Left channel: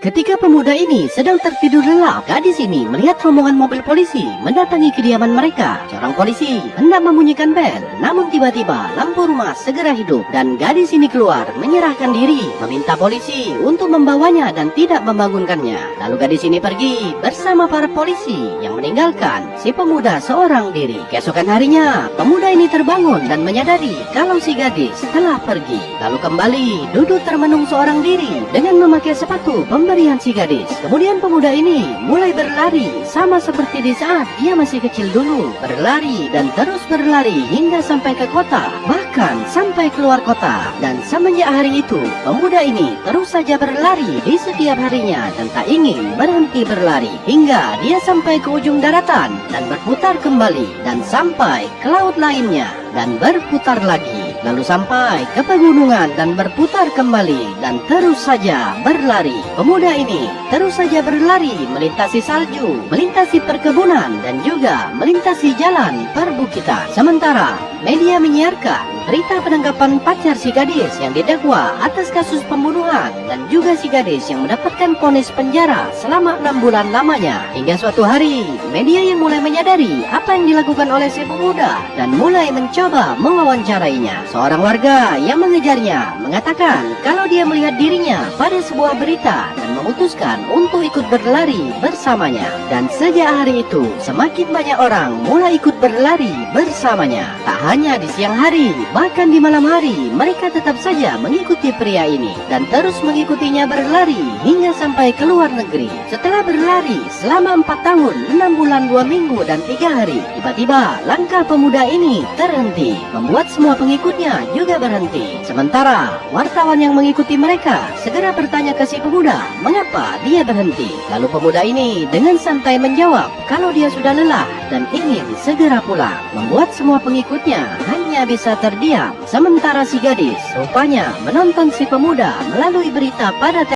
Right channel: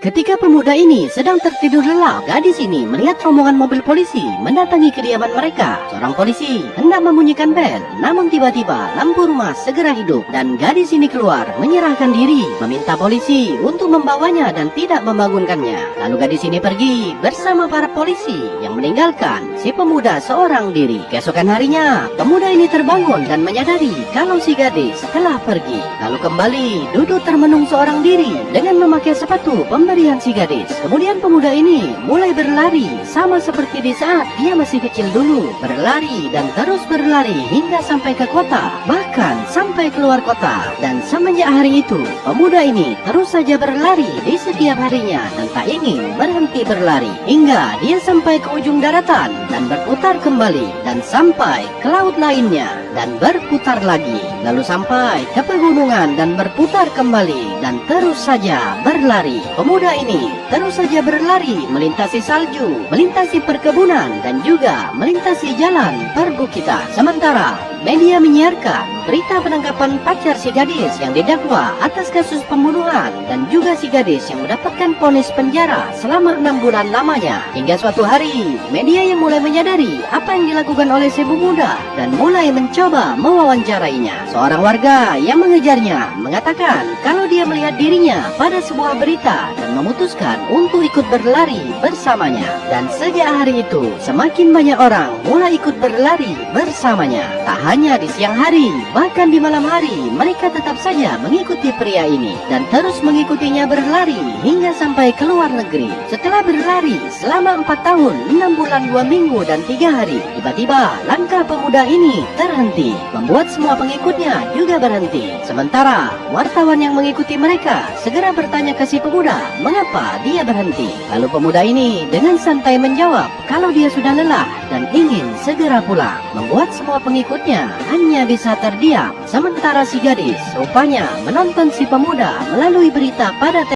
Ketika pemuda ini sedang tertidur lelap, gadis ini melihat rombongan mobil polisi mendatangi kediaman mereka. Seorang polisi hendak membunyikan bel, namun tiba-tiba lampu rumah segera hidup dan gadis ini keluar menyerahkan diri, meminta polisi untuk membawanya dan tidak membangunkannya. Lalu gadis ini pergi bersama para polisi yang meninggalkan si pemuda seorang diri. Keesokan harinya, pemuda ini terbangun dan menyadari kalau si gadis telah pergi. Lalu kembali duduk termenung seorang diri dengan memakai sepatu pemberian si gadis. Kemudian pemuda ini mulai berlari sama seperti di saat dia masih kecil dulu. Berlari dan terus berlari hingga sampai ke kota, bahkan sampai keluar kota. Dan semenjak hari itu, pemuda ini terus saja berlari di setiap harinya dan tak ingin berhenti berlari hingga dia sampai ke ujung daratan dan berputar kembali dan sampai ke laut lainnya dan berputar lagi, lalu sampai ke pegunungan dan berputar kembali dan terus saja berlari. Pemuda ini terus saja berlari melintasi salju, melintasi perkebunan dan juga melintasi jalan perbukitan. Sementara media menyiarkan berita penangkapan pacar si gadis yang didakwa atas kasus pembunuhan dan juga si gadis yang mendapatkan vonis penjara selama 6 bulan lamanya. Hingga suatu hari, media yang mulai menyadari apa yang dilakukan oleh si pemuda dan mulai mencoba mewawancarainya. Seorang warga yang mengejarnya mengatakan kalau dia melihat dirinya pada sebuah berita dan memutuskan untuk ikut berlari bersamanya. Dan sejak hari itu, semakin banyak orang mulai ikut berlari bersamanya. Tak hanya di siang hari, bahkan di malam hari, mereka tetap saja mengikuti pria ini dan terus mengikutinya berlari hingga sampai ke luar negeri. Setelah berlari selama 4 tahun, 6 bulan, 2 minggu, dan 3 hari, tiba-tiba langkah pemuda ini terhenti, membuat semua pengikutnya juga berhenti. Sementara wartawan yang mengikuti mereka segera bertanya ke si pemuda mengapa dia berhenti. Lalu pemuda ini dengan santai menjawab kalau dia sudah lelah dan ingin segera pulang, membuat semua pengikutnya hanya bisa terdiam. Sementara si gadis rupanya menonton si pemuda melalui berita pada